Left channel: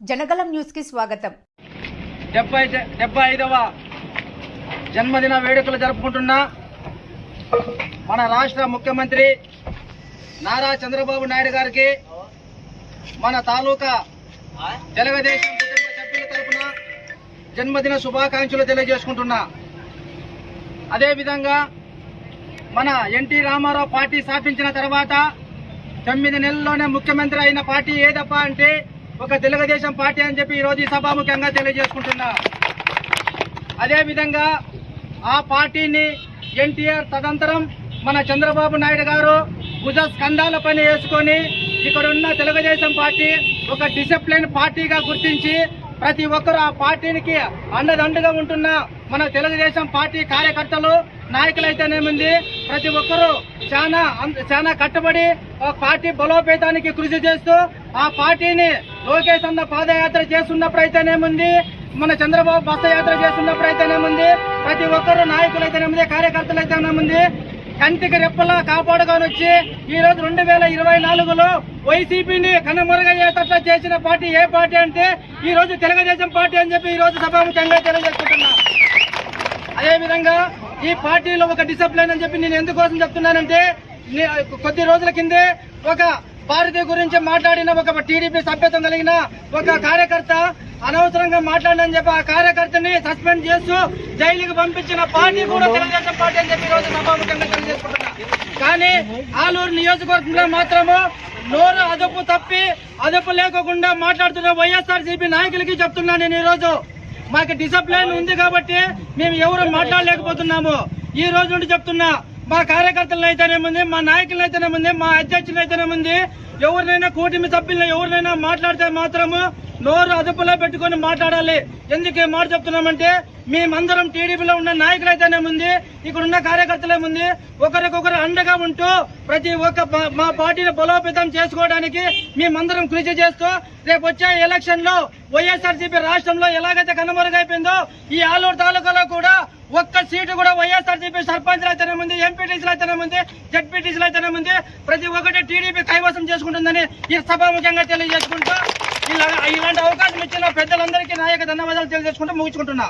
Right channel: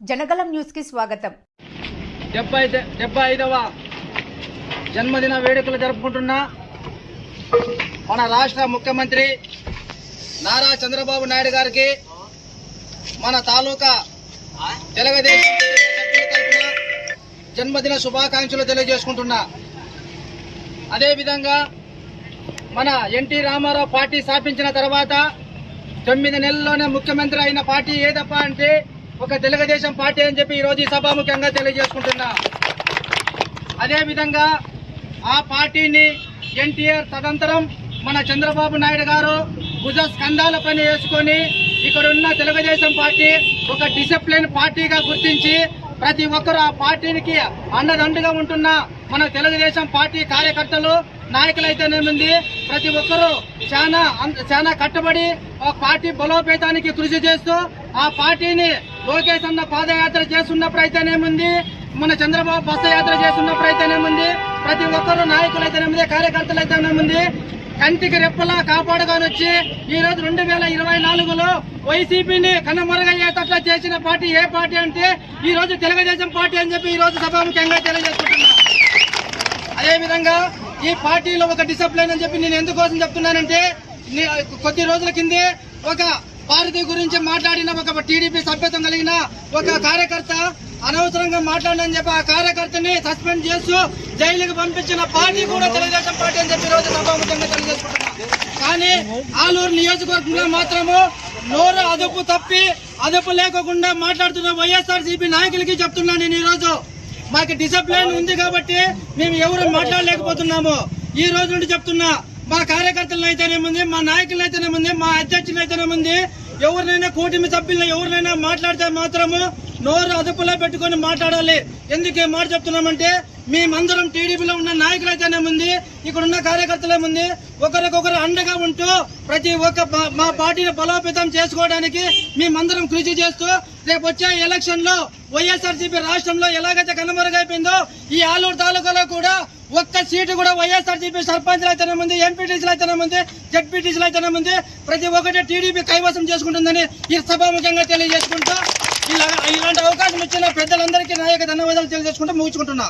Janagalam news కి స్వాగతం. 75వ జన్మదిన వేడుకలు జరుపుకుంటున్న మన రాష్ట్ర ముఖ్యమంత్రి నారా చంద్రబాబు నాయుడు గారికి మన తాలూకా తెలుగుదేశం సభ్యుల తరపున జన్మదిన శుభాకాంక్షలు తెలియజేసుకుంటున్నా. అదేవిధంగా మన ఎన్టీ రామారావు పార్టీ స్థాపించిన తర్వాత 9 నెలల్లోనే ముఖ్యమంత్రి అయిన పార్టీ ఏదప్ప అంటే ఒక తెలుగుదేశం పార్టీ అని చెప్పి ఈరోజు ఈ సభాముఖంగా తెలియజేసుకుంటున్నా. అదేవిధంగా ఆ పార్టీని ఎన్టీఆర్ తదనంతరం మన చంద్రబాబు నాయుడు గారు భుజ స్కంధాల పని వేసుకొని ఇక్కడున్న తెలుగుదేశం పార్టీ ఒక డిసిప్లిన్ పార్టీగా గుర్తించి ప్రతి ఒక్కరు ఆ పార్టీకి అండదండగా ఉంటున్న మన తెలుగుదేశం పార్టీ కార్యకర్తలు నాయకులైతేనేముంది ప్రతి ఒక్కరూ చాలా కట్టుబడి ఒక పార్టీ బలోపేతానికి కృషి చేస్తూ ఆ పార్టీని లోకేష్ అన్న పాదయాత్ర చేస్తున్నప్పుడు అయితేనేముంది, మన చంద్రబాబు బస్సు యాత్ర చేస్తున్నప్పుడు అయితేనేముంది, ప్రతి ఒక్కరు నాయకులైతేనేముంది, కార్యకర్తలు అయితేనేముంది కంటికి రెప్పలా కాపాడుకొని వచ్చి ఈ రోజు 2024లో వైసీపీని కనుమరుగయ్యేటట్లా చేసిన పార్టీ ఏ పార్టీ అంటే ఈ రోజు తెలుగుదేశం పార్టీ అని చెప్పి ఈ రోజు సభాముఖంగా తెలియజేసుకుంటున్నా. అదేవిధంగా ఈ పార్టీలో ఒక డిసిప్లిన్ అని చెప్పి నేను ఎందుకోసం చెప్తున్నానంటే, కొద్ది రోజుల కిందే ఒక భారతి గురించి మాట్లాడిన ఒక టీడీపీ సభ్యత్వం కలిగిన ఒక కార్యకర్త అనవసరంగా మాట్లాడని చెప్పి ఆ కార్యకర్తని సస్పెండ్ చేస్తూ జైలుకి పంపించిన పార్టీ కూడా తెలుగుదేశం పార్టీ అని చెప్పి ఈ రోజు సభాముఖంగా తెలియజేసుకుంటున్నా. కానీ ఆలూరు నియోజకవర్గంలో మాత్రము నోరు అదుపు లేకుండా మాట్లాడుతున్న వైఎస్ఆర్సీపీ నాయకులకి చెప్తున్నా. నేను ఈ రోజు మాకు డిసిప్లిన్ ఉంది కాబట్టి మేము ఎవరు మాట్లాడలేకపోతున్నాము. ఈ రోజు నుండి చెప్తున్నా, మా కార్యకర్తలను అయితేనేముంది, మా నాయకులను అయితేనేముంది, మా అధ్యక్షులు అయితేనేముంది, ఎవరినైనా కూటమి సభ్యులను ఎవరినైనా మాట్లాడితే మాత్రము నోరు అదుపులో పెట్టుకుని మాట్లాడాలి. ఎందుకు మాట చెప్తున్నామంటే మేమందరం టీడీపీలో ఉన్న నాయకులు అయితేనేముంది, ఇక్కడ ఉన్న కార్యకర్తలేముంది, ఒకరికొకరు అండగా ఉంటూ ప్రతి ఒక్క మా పార్టీని బలోపేతం చేసుకోవడానికి మేమందరం కృషి చేస్తూ రేపు వచ్చే ఎలక్షన్ లో వైఎస్ఆర్సీపీ రాష్ట్రంలో ఎలాగైతే కనుమరుగైపోయిందో ఈ ఆలూరు తాలూకాలో కూడా ఒక్క సీటు కూడా వైఎస్ఆర్సీపీ సర్పంచ్లు అయితేనేముంది, ఎంపీటీసీలు అయితేనేముంది, జడ్పీటీసీలు అయితేనేముంది ప్రతి ఒక్కటి టీడీపీ కైవసం చేసుకుంటుందని ఈ సభాముఖంగా తెలియజేసుకుంటూ ఇలాంటి అవకాశం ఇచ్చిన పెద్దలందరికీ నాయక ధన్యవాదాలు తెలియజేసుకుంటూ ముగించుకుంటున్నా.